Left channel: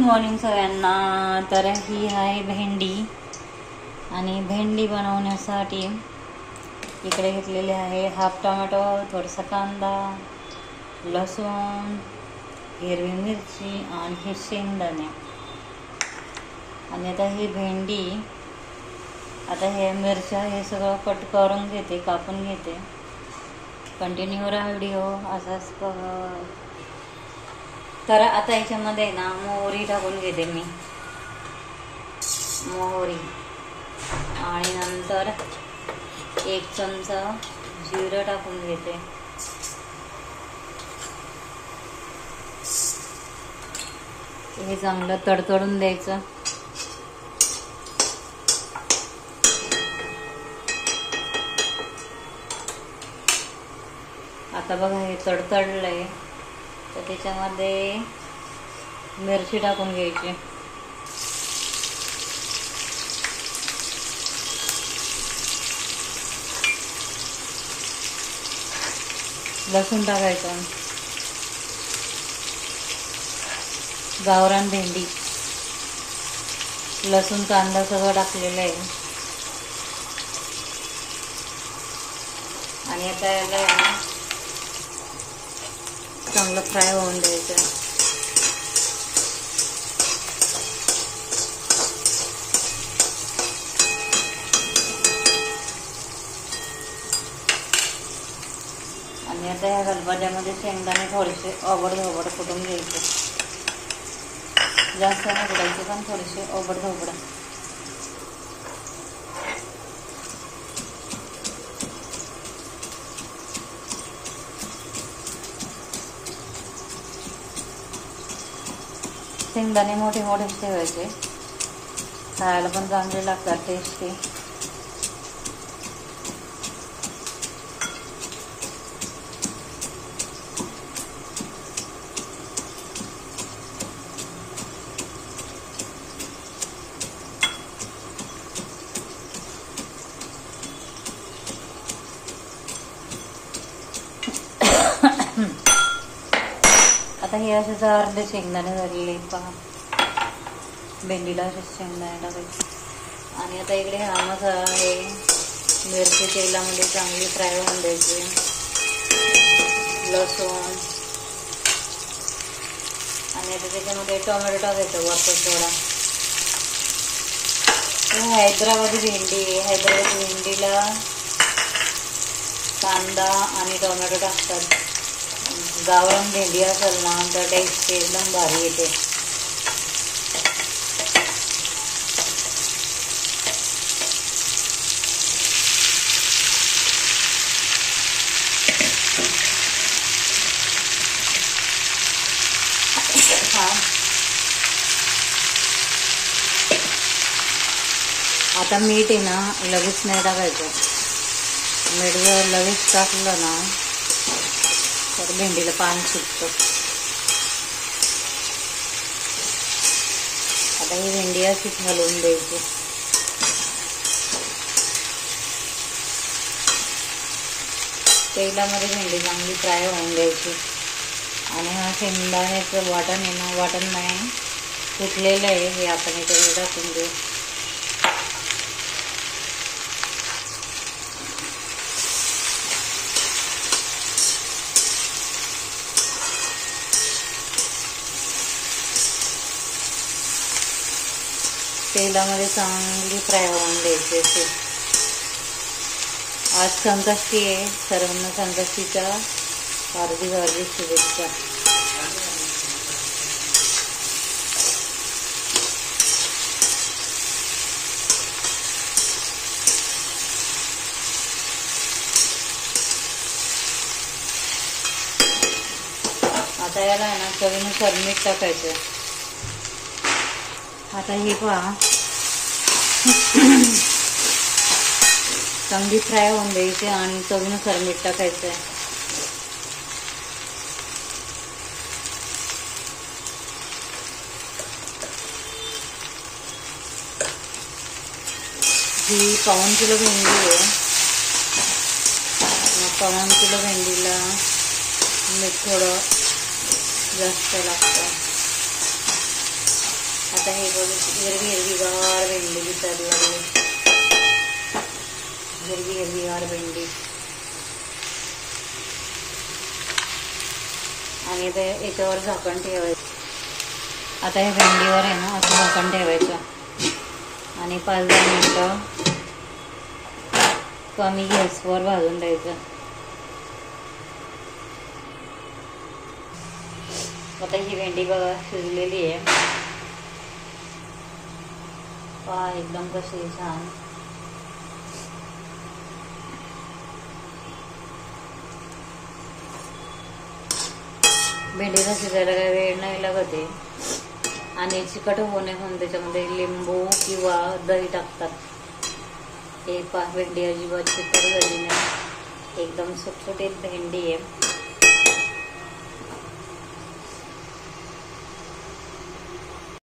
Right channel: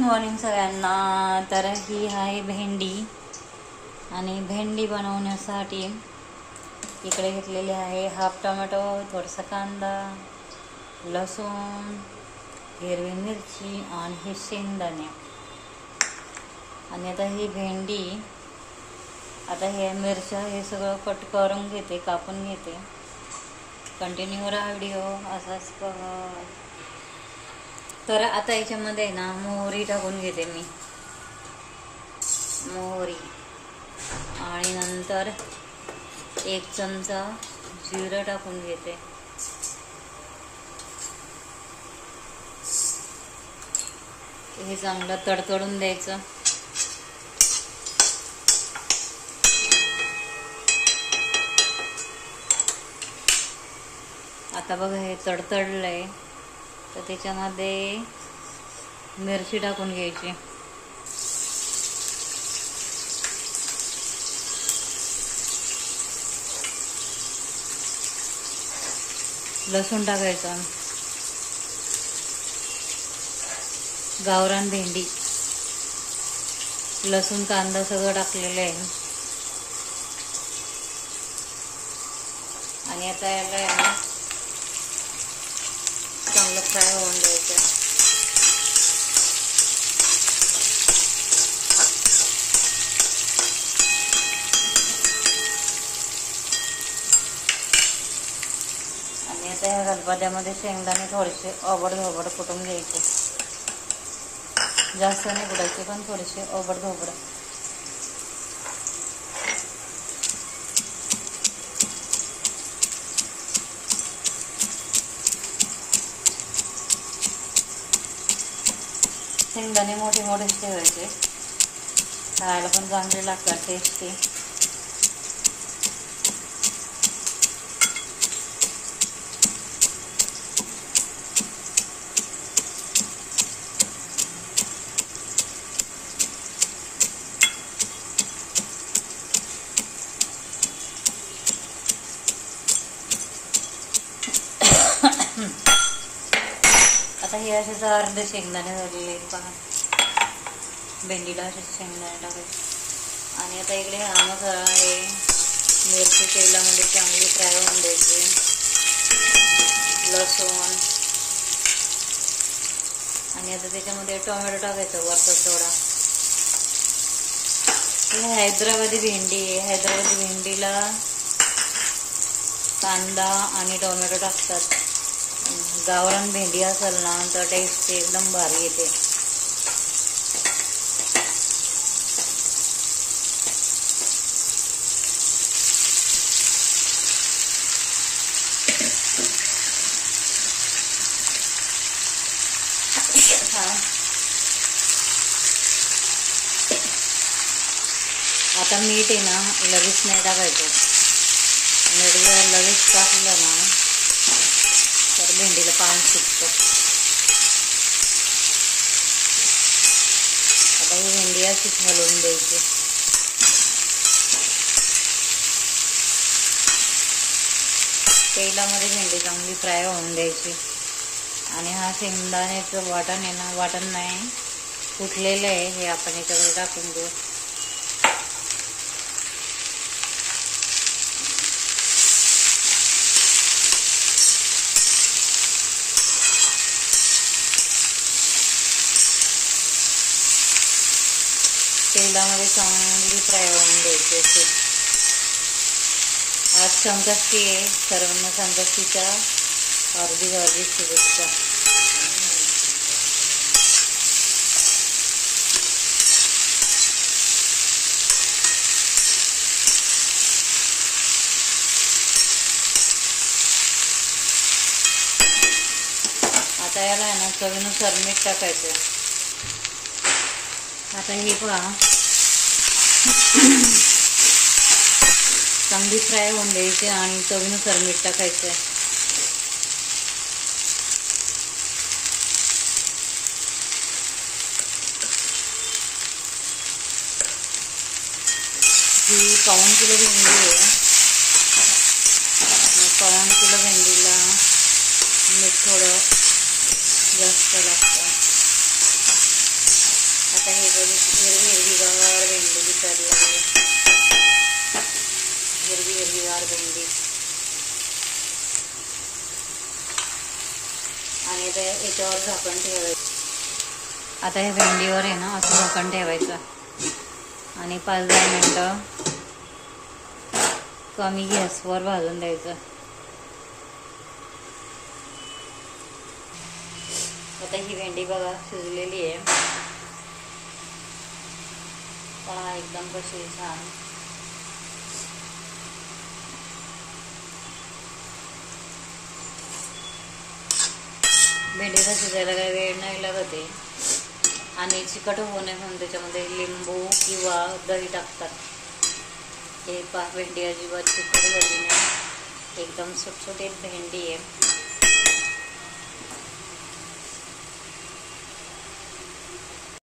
Morning सगळ्यांना. तर ही आहे भेंडी आणि भेंडी बनवण्यासाठी इकडे घेतलेले आहे हाफ टोमॅटो, थोडासा कांदा, लसूण, हिरवी मिरची आणि हे शेंगदाणे. आणि आता ही भेंडी, आता हे मिरच्या हे सगळं कट करून घेते, कापून घेते. कंटिन्यू राहा व्हिडिओ असाच बघा. तर आता याच्यामध्ये ना मोहरी टाकून घेते मी, मोहरी. आणि नंतर 1 चमचा जिरं टाकून घेते. हे चांगलं तडतडून द्यायचं. आता बघा हे तडतडलंय, तर त्याच्यामध्ये मिरची टाकून घ्यायची. लसूण टाकायचा. गावरान भेंडी, लसूण, कांदा सगळं टाकलेलं आहे. आणि आता याला चांगलं फ्राय होऊन द्यायचं. आणि आता ह्या गलबद्यामध्ये शेंगदाणे थोडेसे ओबड-धोबड कुटून घ्यायचे. जास्त नाही कुटायचे, पण थोडेसे ओबड-धोबड. शेंगदाणे मोठे मोठेच ठेवायचे, खायला पण चांगले लागतात, टेस्टी. आता हे असेच अर्धे शेंगदाणे झालेले पहा. भेंडीला असेच शेंगदाणे टाकायचे. आणि आता इकडे हा मसाला आहे, मिरची तेलामध्ये चांगली फ्राय होऊन द्यायची. लसूण, आणि आता त्याच्यामध्ये टोमॅटो टाकायचं वरचा थोडा. ही हैदराबादी भेंडी आहे. हैदराबादी भेंडीला कांदा आणि टोमॅटो टाकतात. गावरान भेंडी असेल ना तर टेस्ट एकदम भारी येते. आता मीठ आहे ना लगेच नाही टाकायचं. मीठ जर लगेच टाकलं ना तर भेंडीला पाणी सुटतं. आता ही भेंडी अशीच हलवून द्यायची. तेलामध्ये भेंडी चांगली फ्राय होऊन द्यायची. आणि हा शेंगदाण्याचं वाटण आहे ना, वाटण नाही कुटलेलं आहे, हे आपण याच्यामध्ये टाकून देऊ. तेलामध्ये चांगली फ्राय होऊन द्यायची असे. आज संकष्टी आहे, सर्वांना संकष्टीच्या हार्दिक शुभेच्छा. आता याला आहे ना चवीनुसार मीठ टाकायचं. आता ही पहा चांगली फ्राय होऊन द्यायची आणि चवीनुसार मीठ टाकायचं. ही 1.5 किलो भेंडी आहे. 1.5 किलो भेंडीला मीठ थोडं जास्त लागतं. आता हे बघ हिरवीगार भेंडी दिसायला लागली, हिरवीगार भेंडी. आणि आता याच्यावर झाकण ठेवायचं. आता या भेंडीवर आहे ना असं झाकण ठेवायचं आणि 5-10 मिनटं कमी गॅसवर भाजून द्यायचं. आता ही भेंडी बघा शिजलेली आहे. पहा एकदम कशी छान. भेंडीला शिजायला काही वेळ नाही लागत आहे आणि चिकट होऊ नये म्हणून त्याच्यामध्ये लिंबू किंवा दही टाकतात. हे पहा भेंडी अजिबात चिकट झाली नाही, एकदम सुटसुटीत भेंडी आहे.